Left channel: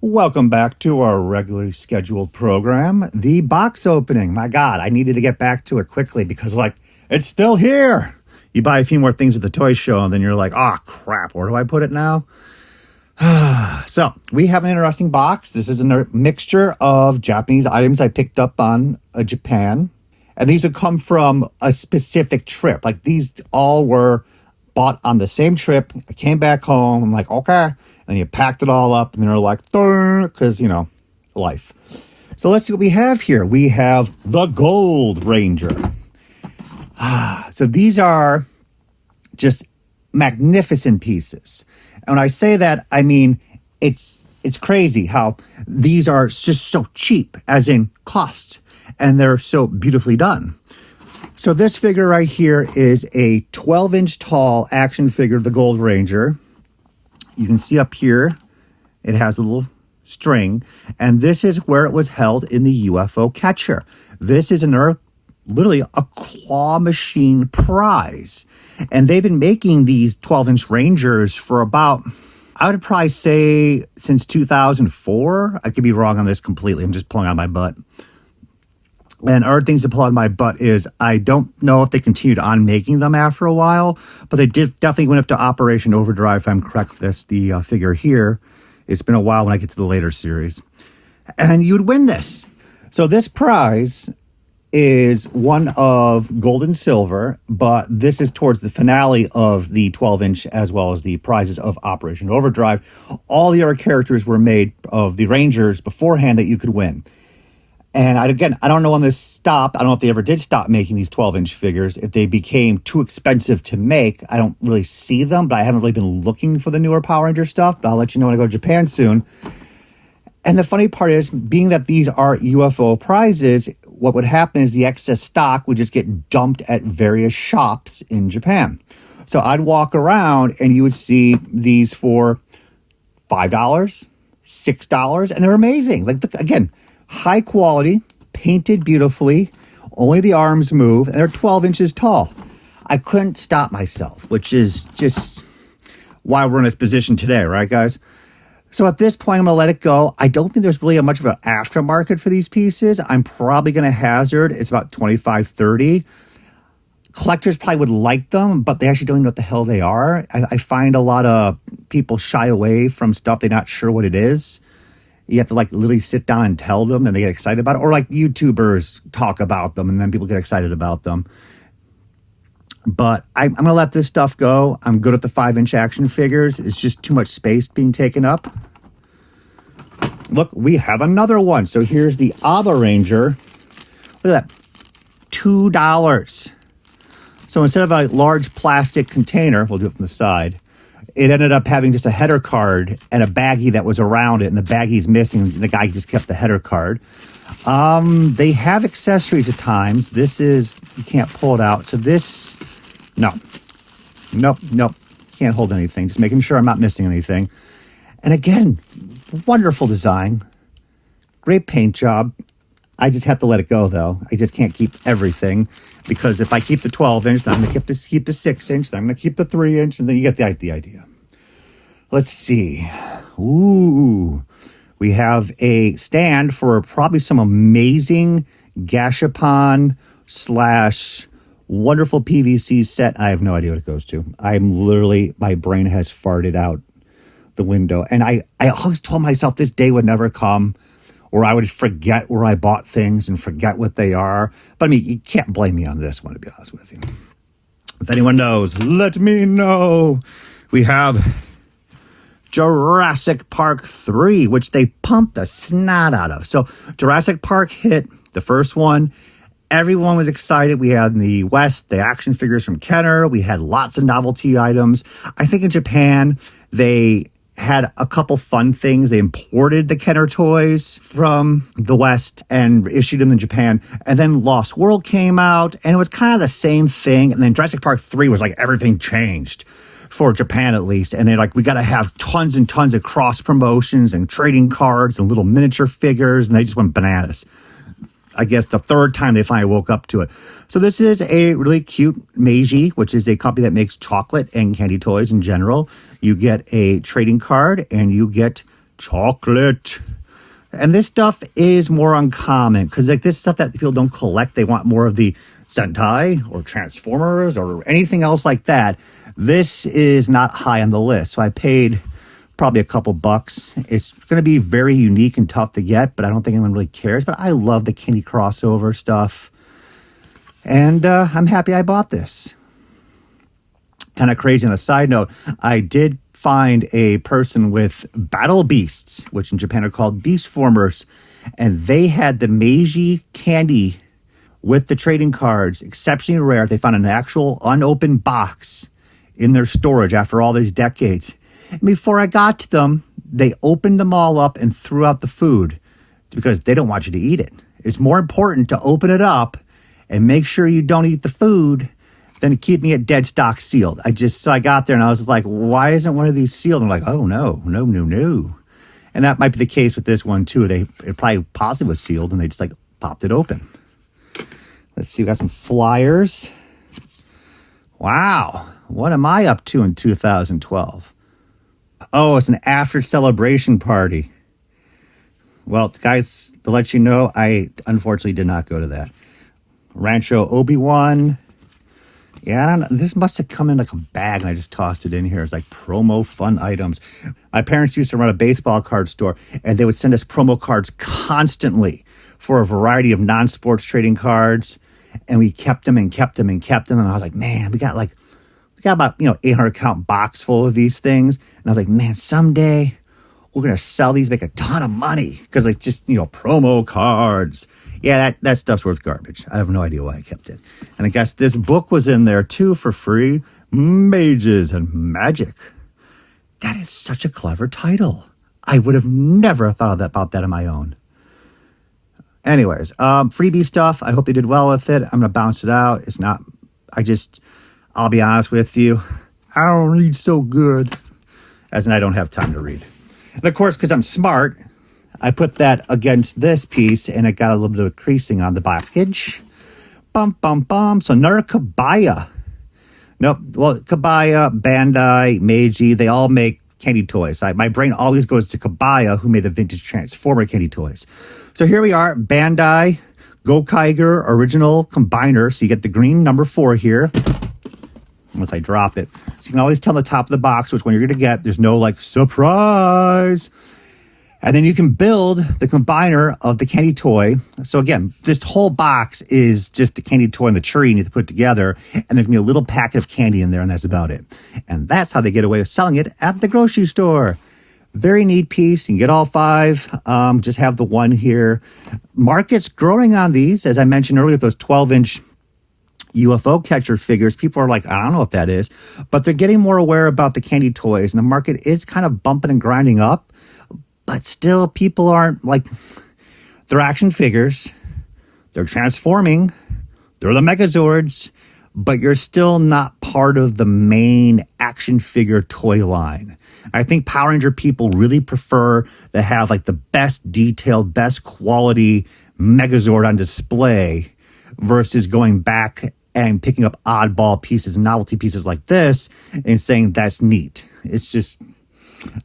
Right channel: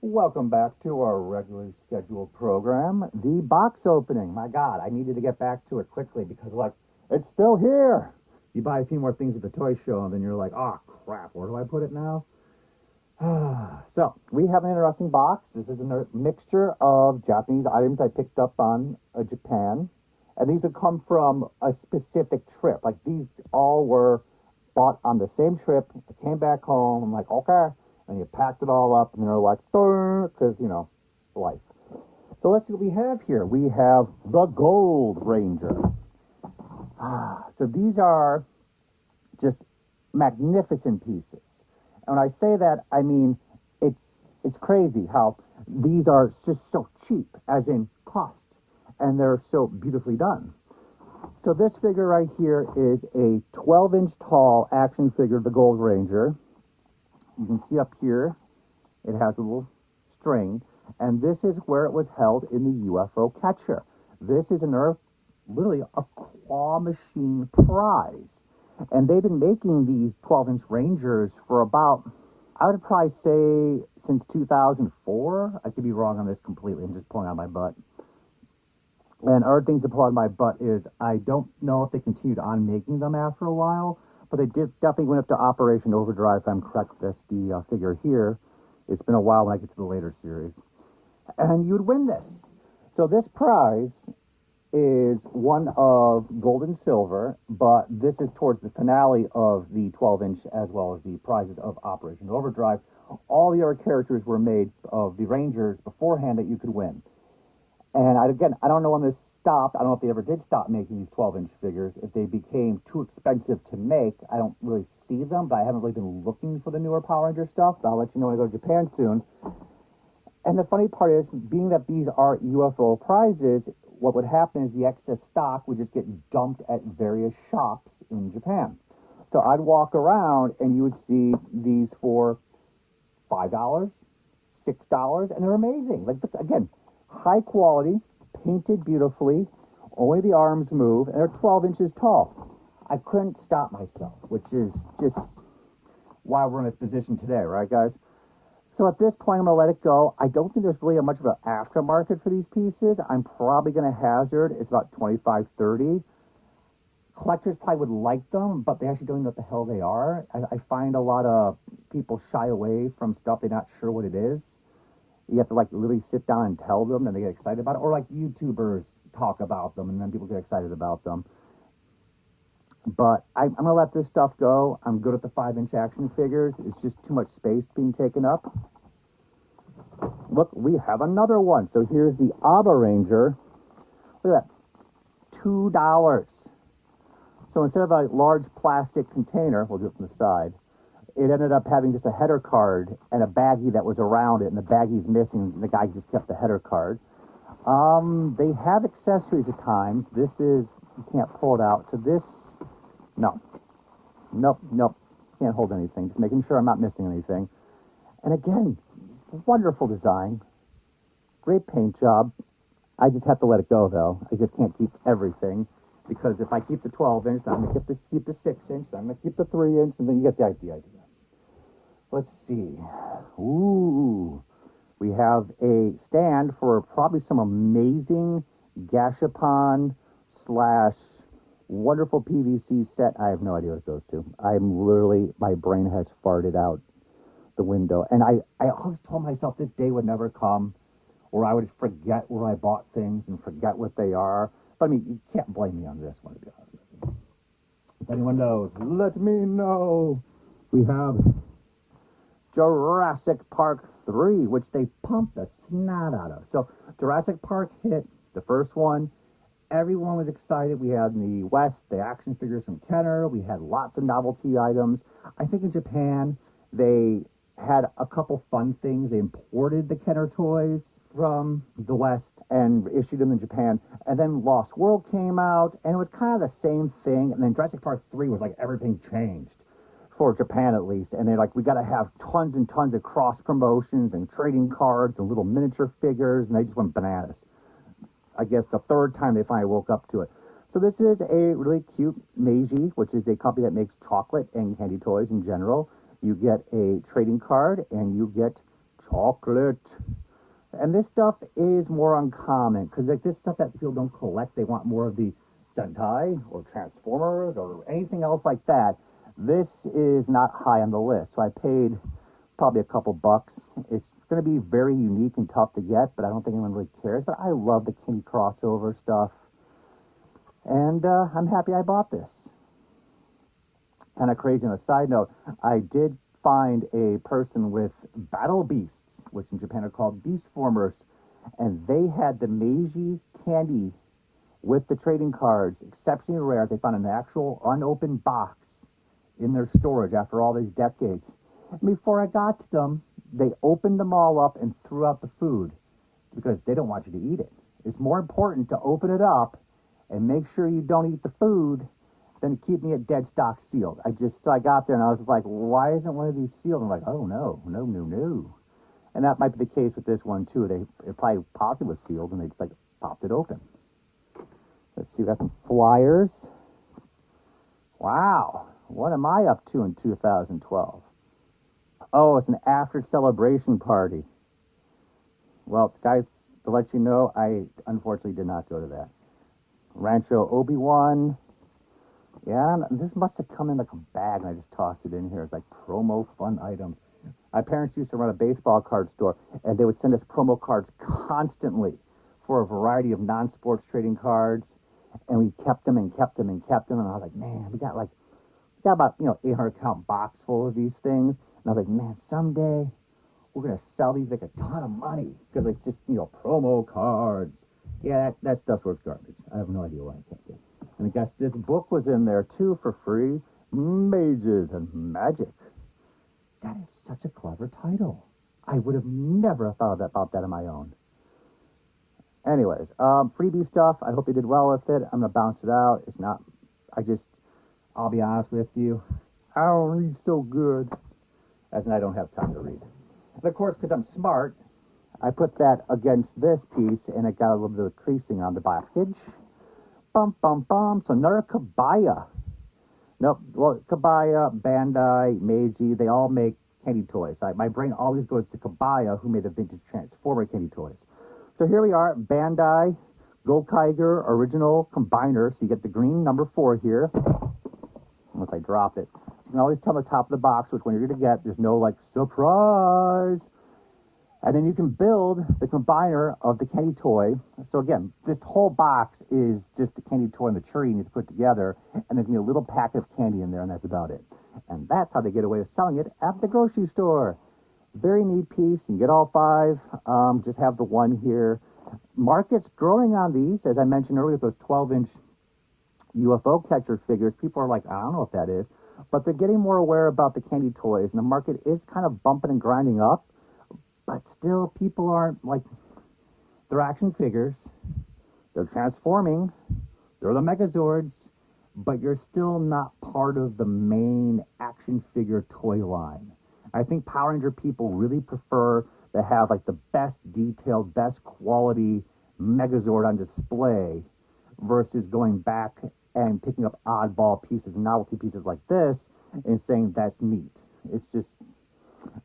Welcome back to our regularly scheduled program, the box opening. My God, I needed to get back to it quickly because, it's still here. You buy a few more things at the toy show, and then you're like, oh, crap, where do I put it now? So, we have an interesting box. This is a mixture of Japanese items I picked up on Japan. And these would come from a specific trip. Like, these all were bought on the same trip. I came back home. I'm like, okay. And you packed it all up, and they're like, because, life. So let's see what we have here. We have the Gold Ranger. So these are just magnificent pieces. And when I say that, I mean, it's crazy how these are just so cheap, as in cost, and they're so beautifully done. So this figure right here is a 12-inch tall action figure of the Gold Ranger. You can see up here, it has a little string, and this is where it was held in the UFO catcher. This is literally a claw machine prize. And they've been making these 12-inch Rangers for about, I would probably say, since 2004. I could be wrong on this completely. I'm just pulling out my butt. And other things to pull out of my butt is I don't know if they continued on making them after a while, but they definitely went up to Operation Overdrive, if I'm correct. That's the figure here. It's been a while when I get to the later series. And you'd win this. So this prize is one of gold and silver, but this is towards the finale of the 12-inch as well as the prizes of Operation Overdrive. All the other characters were made of the Rangers beforehand that you could win. And I don't know when this stopped. I don't know if they ever did stop making these 12-inch figures. If they became too expensive to make, I don't really see them, but I haven't really been looking for the newer Power Ranger stuff. But I'll let you know when I go to Japan soon. And the funny part is, being that these are UFO prizes, what would happen is the excess stock would just get dumped at various shops in Japan. So I'd walk around and you would see these for $5, $6, and they're amazing. Again, high quality, painted beautifully, only the arms move, and they're 12 inches tall. I couldn't stop myself, which is just why we're in this position today, right, guys? So at this point, I'm going to let it go. I don't think there's really much of an aftermarket for these pieces. I'm probably going to hazard it's about $25, $30. Collectors probably would like them, but they actually don't know what the hell they are. I find a lot of people shy away from stuff they're not sure what it is. You have to literally sit down and tell them, and they get excited about it. Or YouTubers talk about them, and then people get excited about them. But I'm going to let this stuff go. I'm good at the 5-inch action figures. It's just too much space being taken up. Look, we have another one. So here's the Aba Ranger. Look at that. $2. So instead of a large plastic container, we'll do it from the side, it ended up having just a header card and a baggie that was around it, and the baggie's missing. And the guy just kept the header card. They have accessories at times. This is, you can't pull it out. So this, nope. Can't hold anything. Just making sure I'm not missing anything. And again, wonderful design. Great paint job. I just have to let it go, though. I just can't keep everything. Because if I keep the 12-inch, then I'm going to keep the 6-inch, then I'm going to keep the 3-inch, and then you get the idea. Let's see. Ooh. We have a stand for probably some amazing gashapon / wonderful PVC set. I have no idea what it goes to. My brain has farted out the window. And I always told myself this day would never come, or I would forget where I bought things and forget what they are. But I mean, you can't blame me on this one, to be honest with you. If anyone knows, let me know. We have Jurassic Park 3, which they pumped the snot out of. So Jurassic Park hit, the first one. Everyone was excited. We had in the West the action figures from Kenner. We had lots of novelty items. I think in Japan, they had a couple fun things. They imported the Kenner toys from the West and issued them in Japan. And then Lost World came out, and it was kind of the same thing. And then Jurassic Park 3 was everything changed for Japan, at least. And they're we got to have tons and tons of cross promotions and trading cards and little miniature figures. And they just went bananas. I guess the third time they finally woke up to it. So this is a really cute Meiji, which is a company that makes chocolate and candy toys in general. You get a trading card and you get chocolate. And this stuff is more uncommon because like this stuff that people don't collect, they want more of the Sentai or Transformers or anything else like that. This is not high on the list. So I paid probably a couple bucks. It's going to be very unique and tough to get, but I don't think anyone really cares. But I love the Kenny crossover stuff. And I'm happy I bought this. Kind of crazy on a side note, I did find a person with battle beasts, which in Japan are called beast formers, and they had the Meiji candy with the trading cards, exceptionally rare. They found an actual unopened box in their storage after all these decades. And before I got to them, they opened them all up and threw out the food because they don't want you to eat it. It's more important to open it up and make sure you don't eat the food than to keep me at dead stock sealed. So I got there and I was like, why isn't one of these sealed? And I'm like, oh no. And that might be the case with this one too. It probably possibly was sealed and they just like popped it open. Let's see, we got some flyers. Wow, what am I up to in 2012? Oh, it's an after celebration party. Well, guys, to let you know, I unfortunately did not go to that. Rancho Obi-Wan. Yeah, I don't know. This must have come in like a bag and I just tossed it in here. It's like promo fun items. My parents used to run a baseball card store and they would send us promo cards constantly for a variety of non-sports trading cards. And we kept them. And I was like, man, we got about, 800 count box full of these things. And I was like, man, someday we're going to sell these, make a ton of money. Because like just, promo cards. Yeah, that stuff's worth garbage. I have no idea why I kept it. And I guess this book was in there too for free. Mages and Magic. That is such a clever title. I would have never thought about that on my own. Anyways, freebie stuff. I hope they did well with it. I'm going to bounce it out. It's not, I'll be honest with you. I don't read so good. As in I don't have time to read. And of course, because I'm smart, I put that against this piece and it got a little bit of creasing on the package. Bum. So another Kabaya. Nope. Well, Kabaya, Bandai, Meiji, they all make candy toys. My brain always goes to Kabaya, who made the vintage Transformer candy toys. So here we are, Bandai, Gokaiger original combiner. So you get the green number 4 here. Once I drop it. So you can always tell the top of the box which one you're going to get. There's no like surprise. And then you can build the combiner of the candy toy. So again, this whole box is just the candy toy and the tree you need to put together. And there's going to be a little packet of candy in there, and that's about it. And that's how they get away with selling it at the grocery store. Very neat piece. You can get all 5. Just have the one here. Market's growing on these. As I mentioned earlier, those 12-inch UFO catcher figures. People are like, I don't know what that is. But they're getting more aware about the candy toys. And the market is kind of bumping and grinding up. But still, people aren't like, they're action figures. They're transforming. They're the Megazords. But you're still not part of the main action figure toy line. I think Power Ranger people really prefer to have like the best detailed, best quality Megazord on display versus going back and picking up oddball pieces, novelty pieces like this and saying that's neat. It's just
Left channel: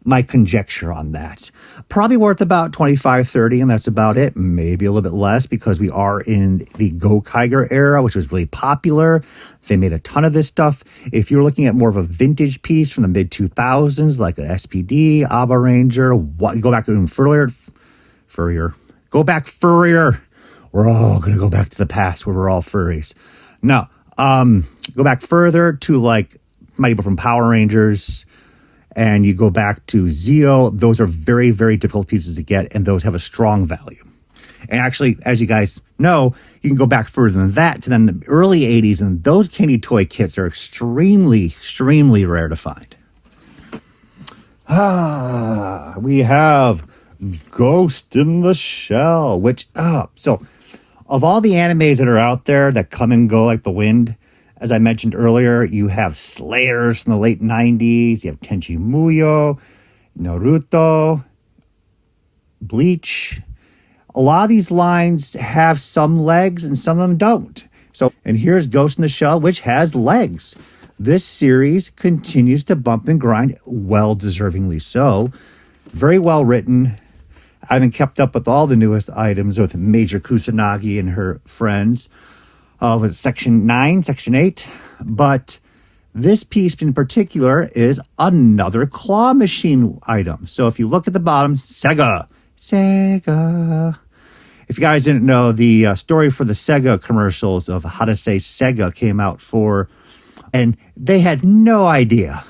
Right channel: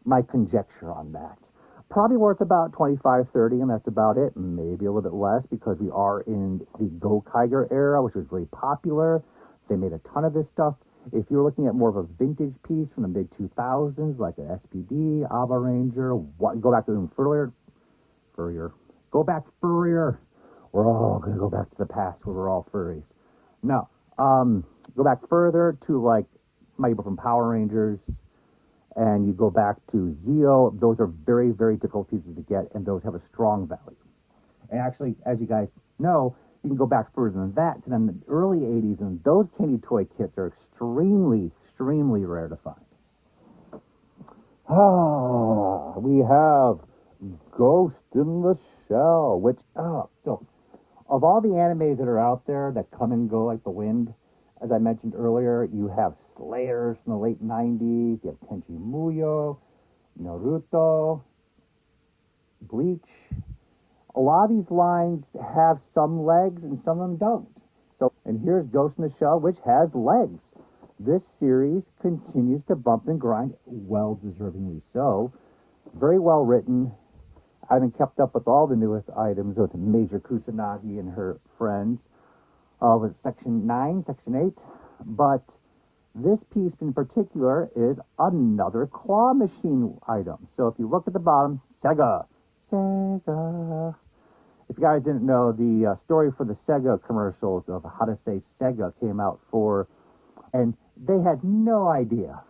my conjecture on that. Probably worth about $25, $30, and that's about it. Maybe a little bit less because we are in the Gokaiger era, which was really popular. They made a ton of this stuff. If you're looking at more of a vintage piece from the mid-2000s, like a SPD, Abba Ranger, go back even furrier. Go back furrier. We're all going to go back to the past where we're all furries. No, go back further to like might be from Power Rangers, and you go back to Zeo. Those are very, very difficult pieces to get, and those have a strong value. And actually, as you guys know, you can go back further than that to then the early 80s, and those candy toy kits are extremely, extremely rare to find. We have Ghost in the Shell, which, so of all the animes that are out there that come and go like the wind, as I mentioned earlier, you have Slayers from the late 90s, you have Tenchi Muyo, Naruto, Bleach. A lot of these lines have some legs and some of them don't. And here's Ghost in the Shell, which has legs. This series continues to bump and grind, well deservingly so. Very well written. I haven't kept up with all the newest items with Major Kusanagi and her friends with Section 9, Section 8. But this piece in particular is another claw machine item. So if you look at the bottom, Sega. If you guys didn't know, the story for the Sega commercials of how to say Sega came out and they had no idea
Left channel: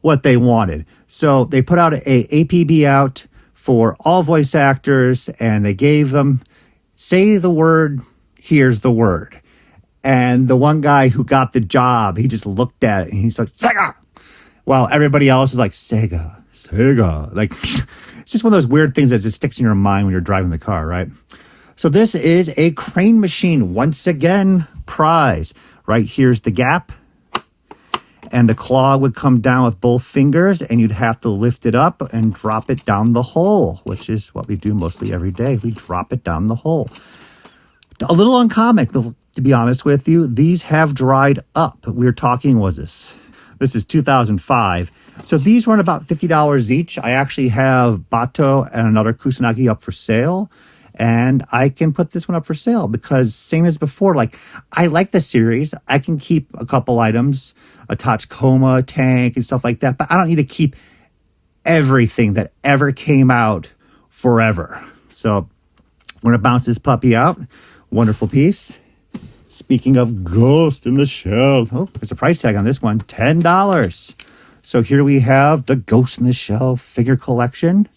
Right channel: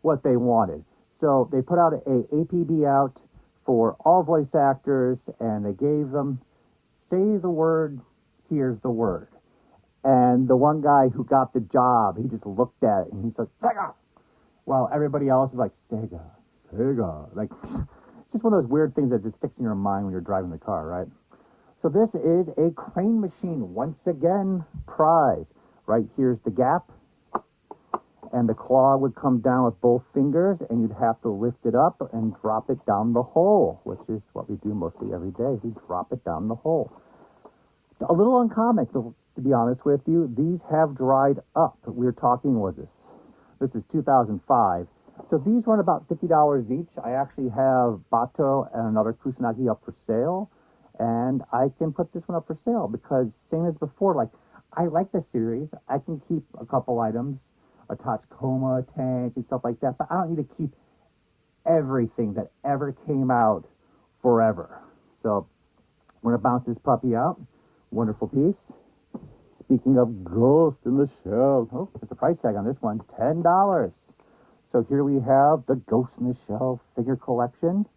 what they wanted. So they put out a APB out for all voice actors, and they gave them, say the word, here's the word. And the one guy who got the job, he just looked at it and he's like, Sega! While everybody else is like, Sega. Like, it's just one of those weird things that just sticks in your mind when you're driving the car, right? So this is a crane machine, once again, prize. Right here's the gap. And the claw would come down with both fingers, and you'd have to lift it up and drop it down the hole, which is what we do mostly every day. We drop it down the hole. A little uncommon, to be honest with you. These have dried up. We were talking, this is 2005. So these run about $50 each. I actually have Bato and another Kusanagi up for sale. And I can put this one up for sale because same as before, like I like the series. I can keep a couple items, a Tachikoma tank and stuff like that, but I don't need to keep everything that ever came out forever. So we're gonna bounce this puppy out. Wonderful piece. Speaking of Ghost in the Shell, oh, there's a price tag on this one, $10. So here we have the Ghost in the Shell figure collection.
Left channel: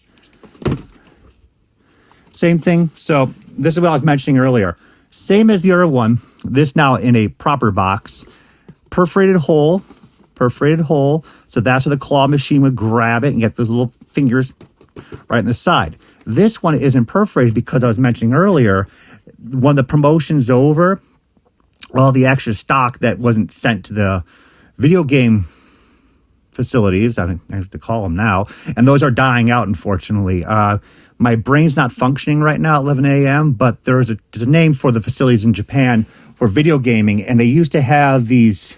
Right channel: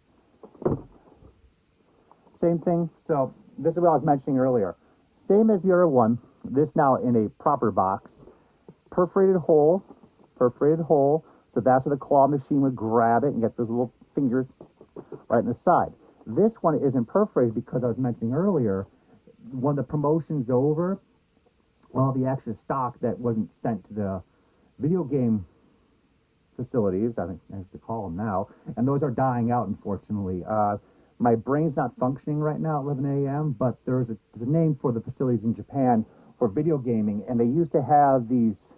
Same thing. So this is what I was mentioning earlier. Same as the other one. This now in a proper box. Perforated hole. So that's where the claw machine would grab it and get those little fingers right in the side. This one isn't perforated because I was mentioning earlier, when the promotion's over, all the extra stock that wasn't sent to the video game facilities, I have to call them now, and those are dying out, unfortunately. My brain's not functioning right now at 11 a.m., but there's a name for the facilities in Japan for video gaming, and they used to have these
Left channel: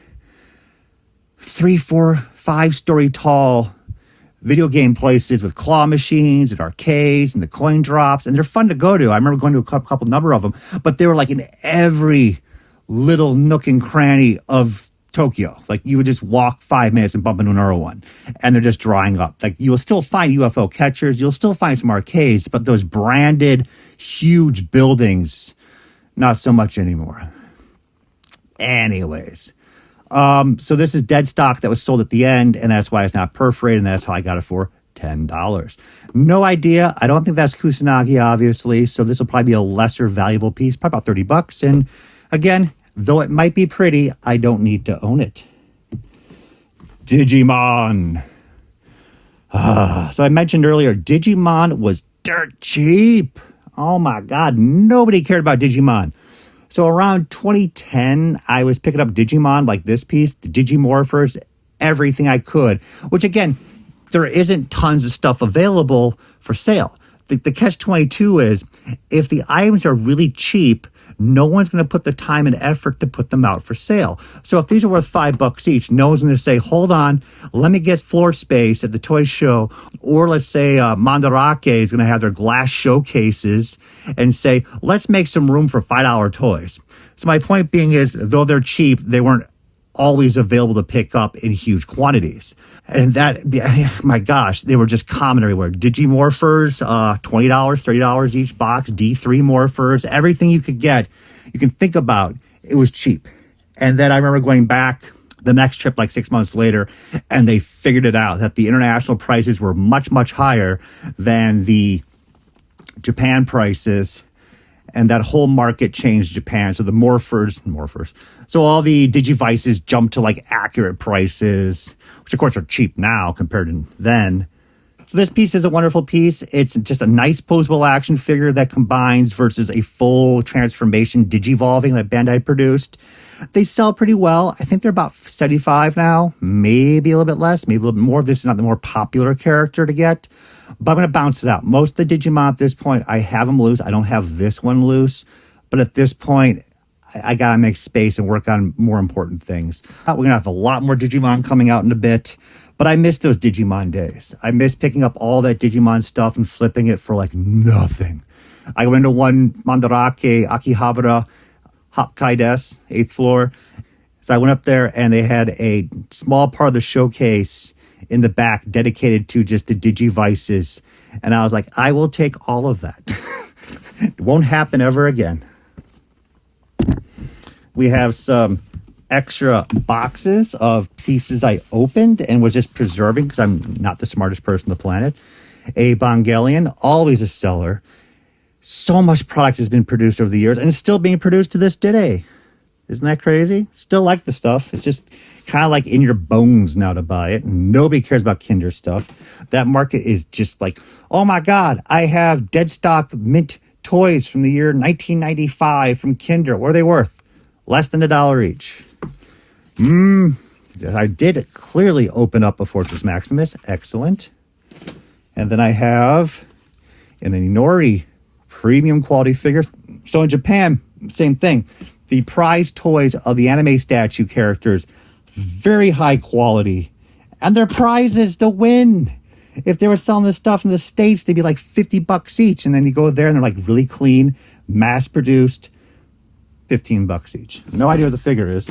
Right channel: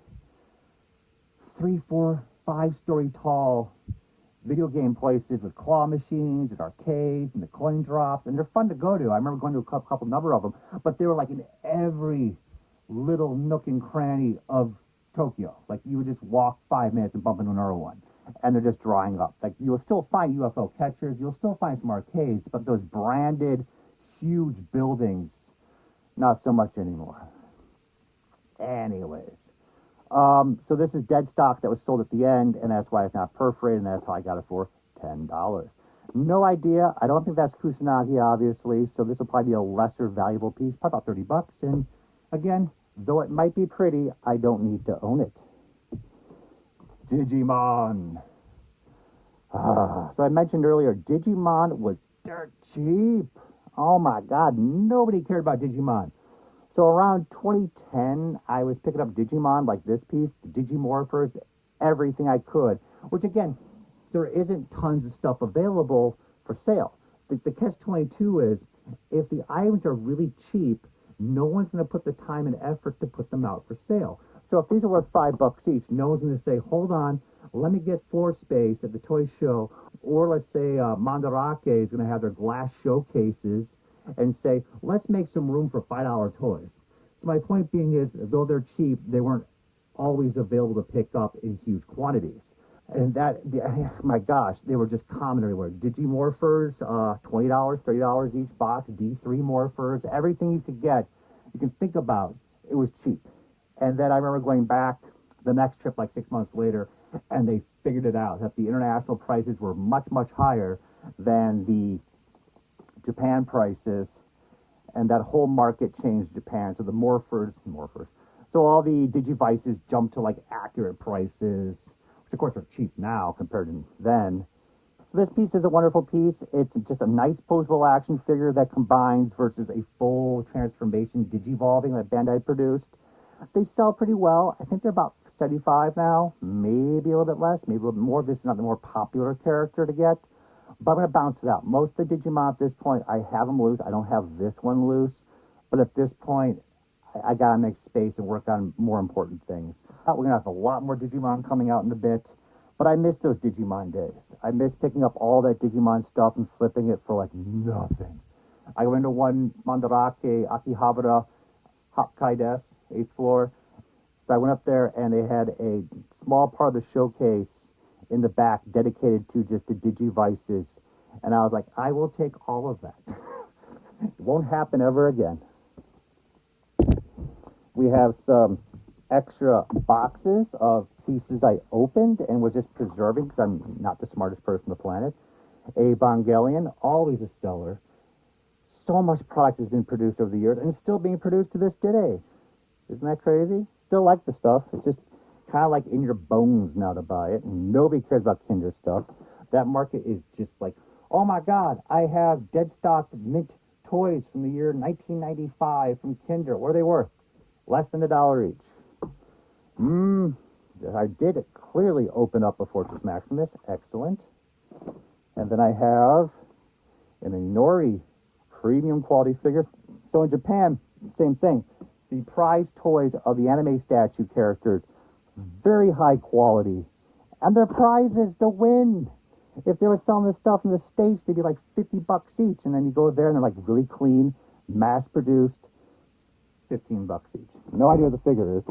3, 4, 5-story tall video game places with claw machines and arcades and the coin drops, and they're fun to go to. I remember going to a couple number of them, but they were like in every little nook and cranny of Tokyo. Like you would just walk 5 minutes and bump into another one, and they're just drying up. Like you will still find UFO catchers, you'll still find some arcades, but those branded huge buildings, not so much anymore. Anyways, so this is dead stock that was sold at the end, and that's why it's not perforated, and that's how I got it for $10. No idea. I don't think that's Kusanagi, obviously, so this will probably be a lesser valuable piece, probably about $30. And again, though it might be pretty, I don't need to own it. Digimon. So I mentioned earlier, Digimon was dirt cheap. Oh my God, nobody cared about Digimon. So around 2010, I was picking up Digimon like this piece, the Digimorphers, everything I could, which again, there isn't tons of stuff available for sale. The catch-22 is, if the items are really cheap, no one's going to put the time and effort to put them out for sale. So if these are worth $5 each, no one's going to say, hold on, let me get floor space at the toy show. Or let's say Mandarake is going to have their glass showcases and say, let's make some room for $5 toys. So my point being is, though they're cheap, they weren't always available to pick up in huge quantities. And that, my gosh, they were just common everywhere. Digimorphers, $20, $30 each box. D3 morphers, everything you could get, you can think about, it was cheap. And then I remember going back the next trip like 6 months later, and they figured it out, that the international prices were much, much higher than the Japan prices. And that whole market changed Japan. So the morphers. So all the Digivices jumped to like accurate prices, which of course are cheap now compared to then. So this piece is a wonderful piece. It's just a nice posable action figure that combines versus a full transformation Digivolving that Bandai produced. They sell pretty well. I think they're about $75 now, maybe a little bit less, maybe a little bit more. This is not the more popular character to get, but I'm going to bounce it out. Most of the Digimon at this point, I have them loose. I don't have this one loose, but at this point, I got to make space and work on more important things. We're going to have a lot more Digimon coming out in a bit, But I miss those Digimon days. I miss picking up all that Digimon stuff and flipping it for like nothing. I went to one Mandarake Akihabara Hokkaides, 8th floor. So I went up there and they had a small part of the showcase in the back dedicated to just the Digivices. And I was like, I will take all of that. It won't happen ever again. We have some extra boxes of pieces I opened and was just preserving because I'm not the smartest person on the planet. A Evangelion, always a seller. So much product has been produced over the years and it's still being produced to this day. Isn't that crazy? Still like the stuff. It's just kind of like in your bones now to buy it. Nobody cares about Kinder stuff. That market is just like, oh my God, I have dead stock mint toys from the year 1995 from Kinder. What are they worth? Less than $1 each. I did clearly open up a Fortress Maximus. Excellent. And then I have an Inori premium quality figure. So in Japan, same thing. The prize toys of the anime statue characters, very high quality. And their prizes to win. If they were selling this stuff in the States, they'd be like $50 each. And then you go there and they're like really clean, mass produced, $15 each. No idea what the figure is.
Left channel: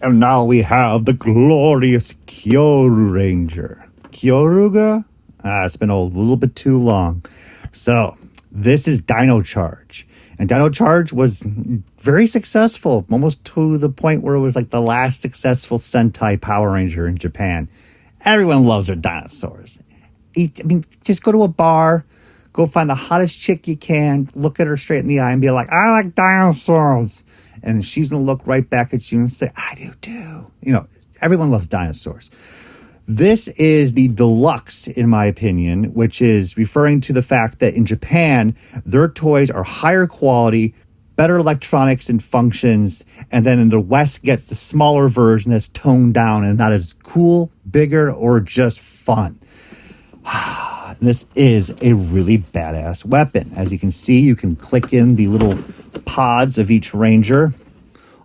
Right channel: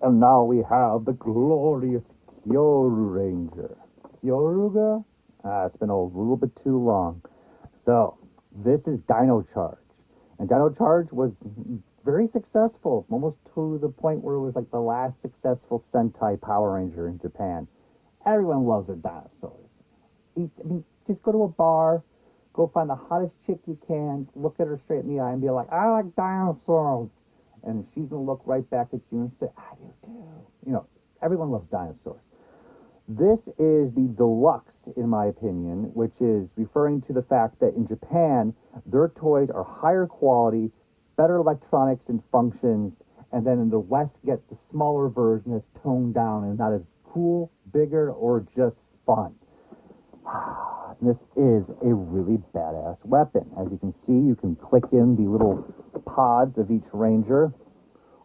And now we have the glorious Kyoru Ranger. Kyoruga? It's been a little bit too long. So, this is Dino Charge. And Dino Charge was very successful, almost to the point where it was like the last successful Sentai Power Ranger in Japan. Everyone loves their dinosaurs. I mean, just go to a bar, go find the hottest chick you can, look at her straight in the eye and be like, I like dinosaurs. And she's going to look right back at you and say, I do too. You know, everyone loves dinosaurs. This is the deluxe, in my opinion, which is referring to the fact that in Japan, their toys are higher quality, better electronics and functions, and then in the West gets the smaller version that's toned down and not as cool, bigger, or just fun. And this is a really badass weapon. As you can see, you can click in the little pods of each Ranger,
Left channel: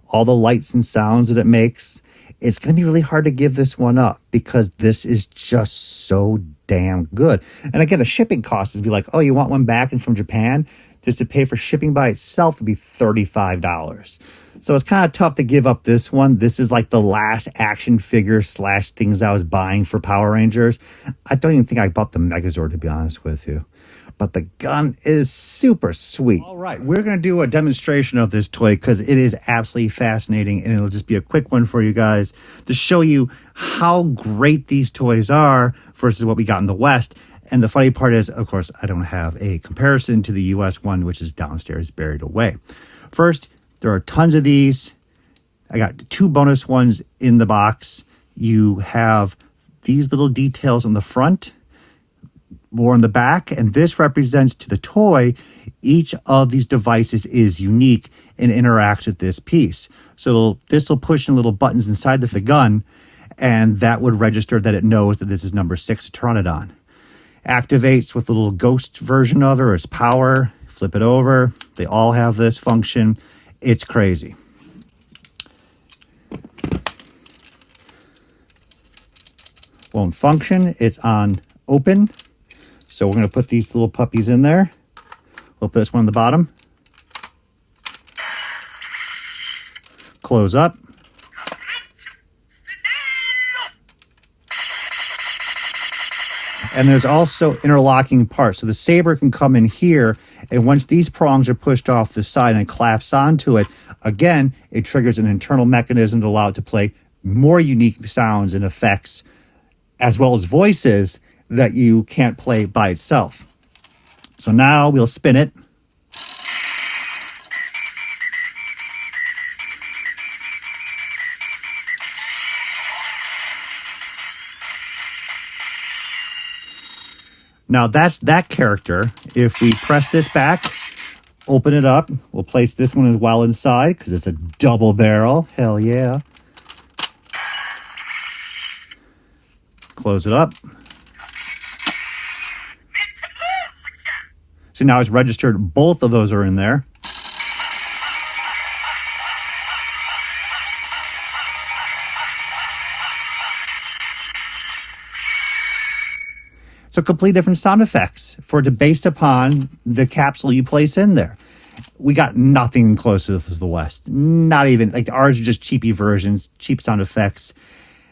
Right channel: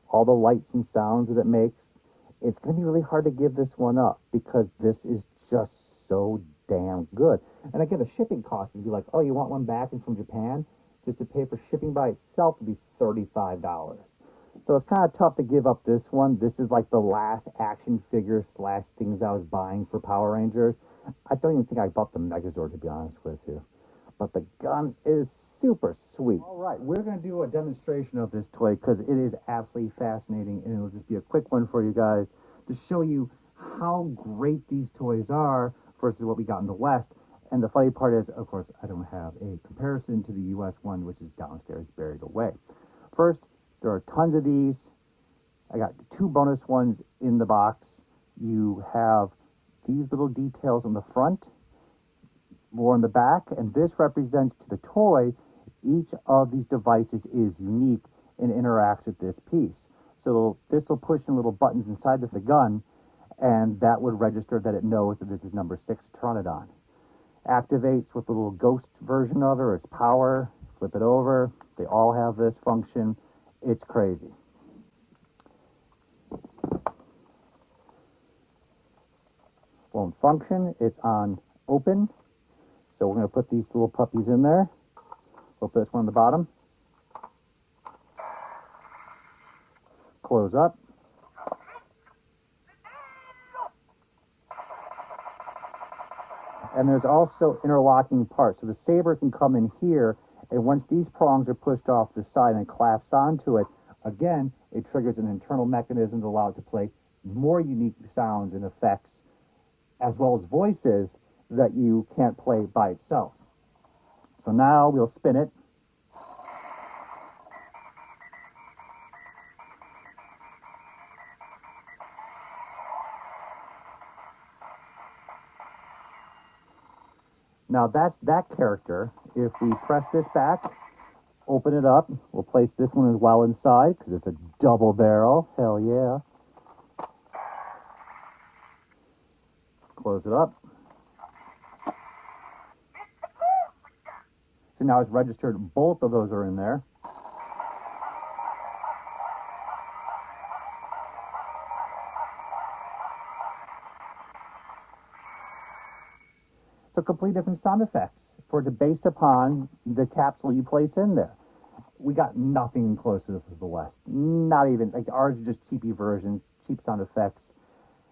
all the lights and sounds that it makes. It's going to be really hard to give this one up because this is just so damn good. And again, the shipping cost is be like, oh, you want one back and from Japan? Just to pay for shipping by itself would be $35. So it's kind of tough to give up this one. This is like the last action figure / things I was buying for Power Rangers. I don't even think I bought the Megazord, to be honest with you. But the gun is super sweet. All right, we're going to do a demonstration of this toy because it is absolutely fascinating. And it'll just be a quick one for you guys to show you how great these toys are versus what we got in the West. And the funny part is, of course, I don't have a comparison to the US one, which is downstairs buried away. First, there are tons of these. I got 2 bonus ones in the box. You have these little details on the front, more on the back, and this represents to the toy, each of these devices is unique and interacts with this piece. So this will push in little buttons inside the gun, and that would register that it knows that this is number 6 to turn it on. Activates with a little ghost version of it, or its power. Flip it over. They all have this function. It's crazy. Won't function. It's on open. So we're going to put these little puppies in there. We'll put this one on the bottom. Close up. And there's also interlocking parts. So the saber can come in here, and once these prongs are pushed off the side and collapse onto it, again, it triggers an internal mechanism to allow it to play more unique sounds and effects, as well as voices that you can't play by itself. So now we'll spin it. Now that's that character. If we press this back, open it up, we'll place this one as well inside because it's a double barrel. Hell yeah. Close it up. So now it's registered. Both of those are in there. So complete different sound effects based upon the capsule you place in there. We got nothing close to the West. Not even, like, ours are just cheapy versions, cheap sound effects.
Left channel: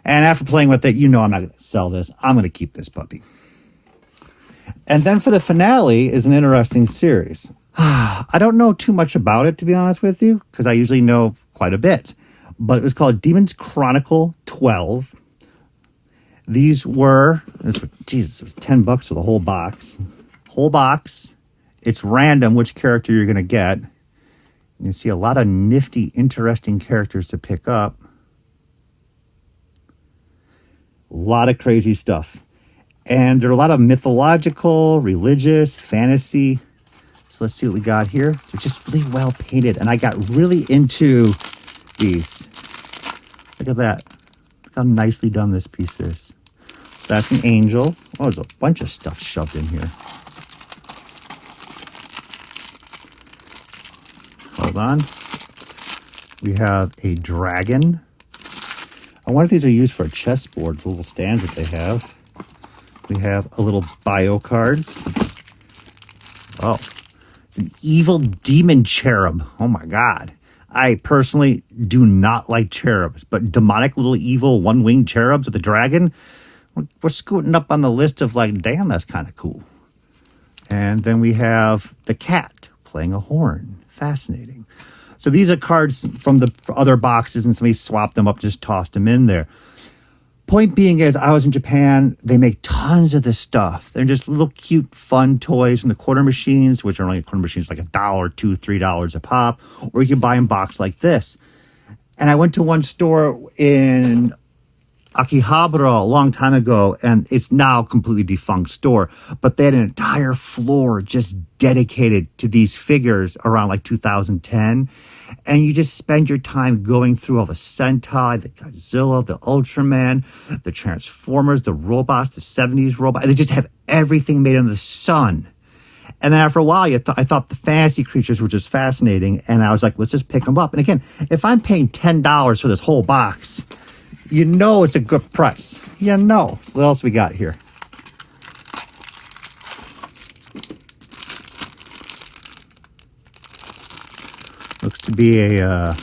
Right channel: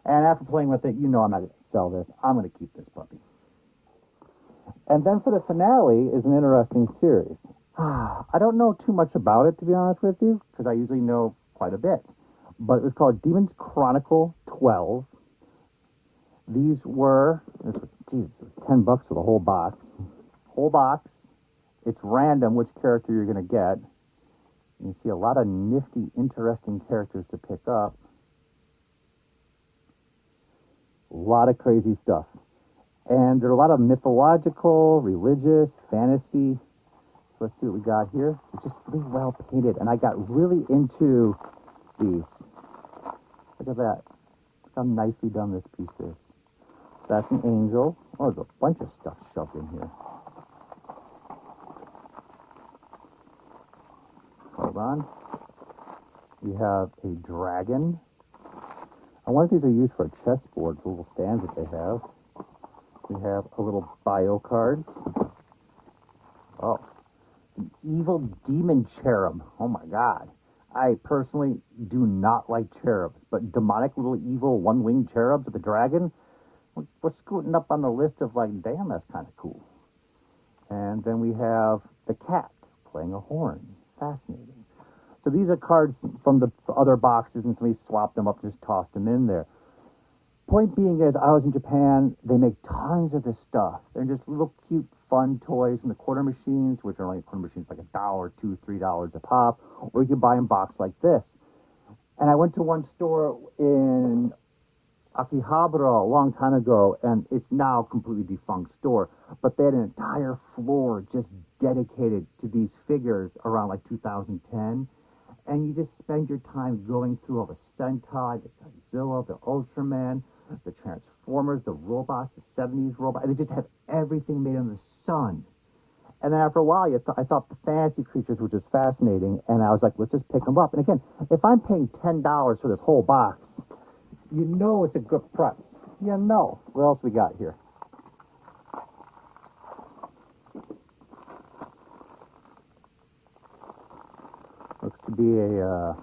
And after playing with it, I'm not going to sell this. I'm going to keep this puppy. And then for the finale is an interesting series. I don't know too much about it, to be honest with you, because I usually know quite a bit. But it was called Demon's Chronicle 12. These were, Jesus, it was $10 for the whole box. Whole box. It's random which character you're going to get. You can see a lot of nifty, interesting characters to pick up. A lot of crazy stuff. And there are a lot of mythological, religious, fantasy. So let's see what we got here. They're just really well painted. And I got really into these. Look at that. Look how nicely done this piece is. So that's an angel. Oh, there's a bunch of stuff shoved in here. Hold on. We have a dragon. I wonder if these are used for a chessboard, the little stands that they have. We have a little bio cards. Oh, it's an evil demon cherub. Oh my God. I personally do not like cherubs, but demonic little evil one-winged cherubs with a dragon, we're scooting up on the list of like, damn, that's kind of cool. And then we have the cat playing a horn. Fascinating. So these are cards from the other boxes and somebody swapped them up, just tossed them in there. Point being is, I was in Japan, they make tons of this stuff. They're just little cute, fun toys from the quarter machines, which are only quarter machines like $1, $2, $3 a pop, or you can buy in box like this. And I went to one store in Akihabara a long time ago, and it's now a completely defunct store, but they had an entire floor just dedicated to these figures around like 2010. And you just spend your time going through all the Sentai, the Godzilla, the Ultraman, the Transformers, the robots, the 70s robot. And they just have everything made under the sun. And then after a while, I thought the fantasy creatures were just fascinating. And I was like, let's just pick them up. And again, if I'm paying $10 for this whole box, it's a good price. So what else we got here? Looks to be a,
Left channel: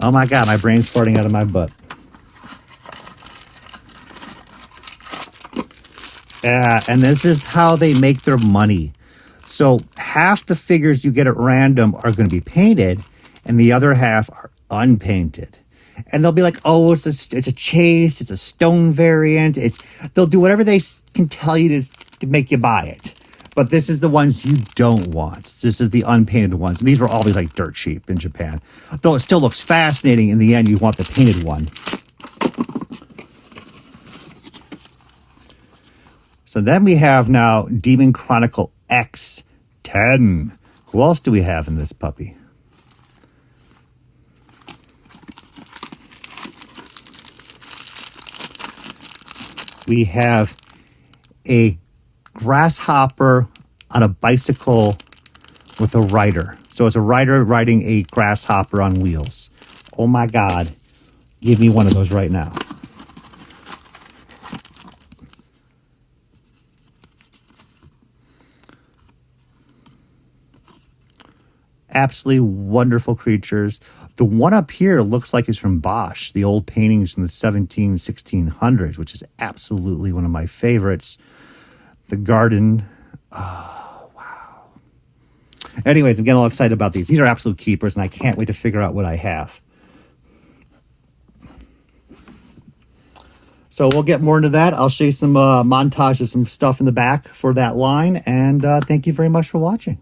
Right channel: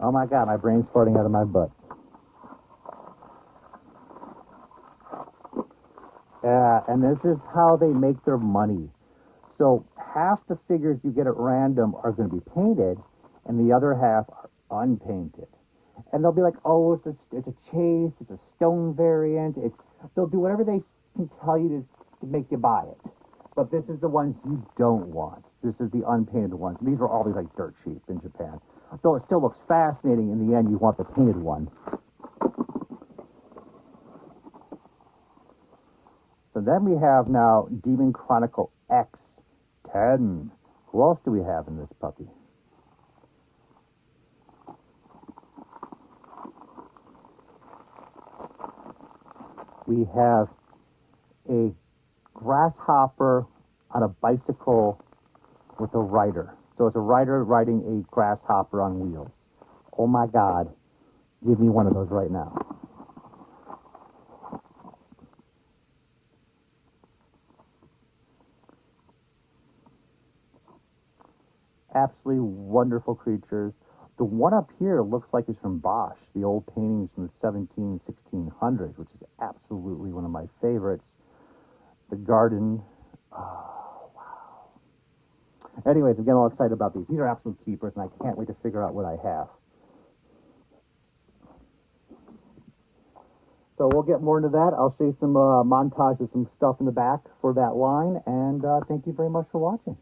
oh my God, my brain's farting out of my butt. And this is how they make their money. So half the figures you get at random are going to be painted, and the other half are unpainted. And they'll be like, oh, it's a chase, it's a stone variant. They'll do whatever they can tell you to make you buy it. But this is the ones you don't want. This is the unpainted ones. And these were always like dirt cheap in Japan. Though it still looks fascinating, in the end, you want the painted one. So then we have now Demon Chronicle X10. Who else do we have in this puppy? We have a grasshopper on a bicycle with a rider. So it's a rider riding a grasshopper on wheels. Oh my God. Give me one of those right now. Absolutely wonderful creatures. The one up here looks like it's from Bosch, the old paintings from the 1600s, which is absolutely one of my favorites. The garden. Oh, wow. Anyways, I'm getting all excited about these. These are absolute keepers, and I can't wait to figure out what I have. So we'll get more into that. I'll show you some montage of some stuff in the back for that line, and thank you very much for watching.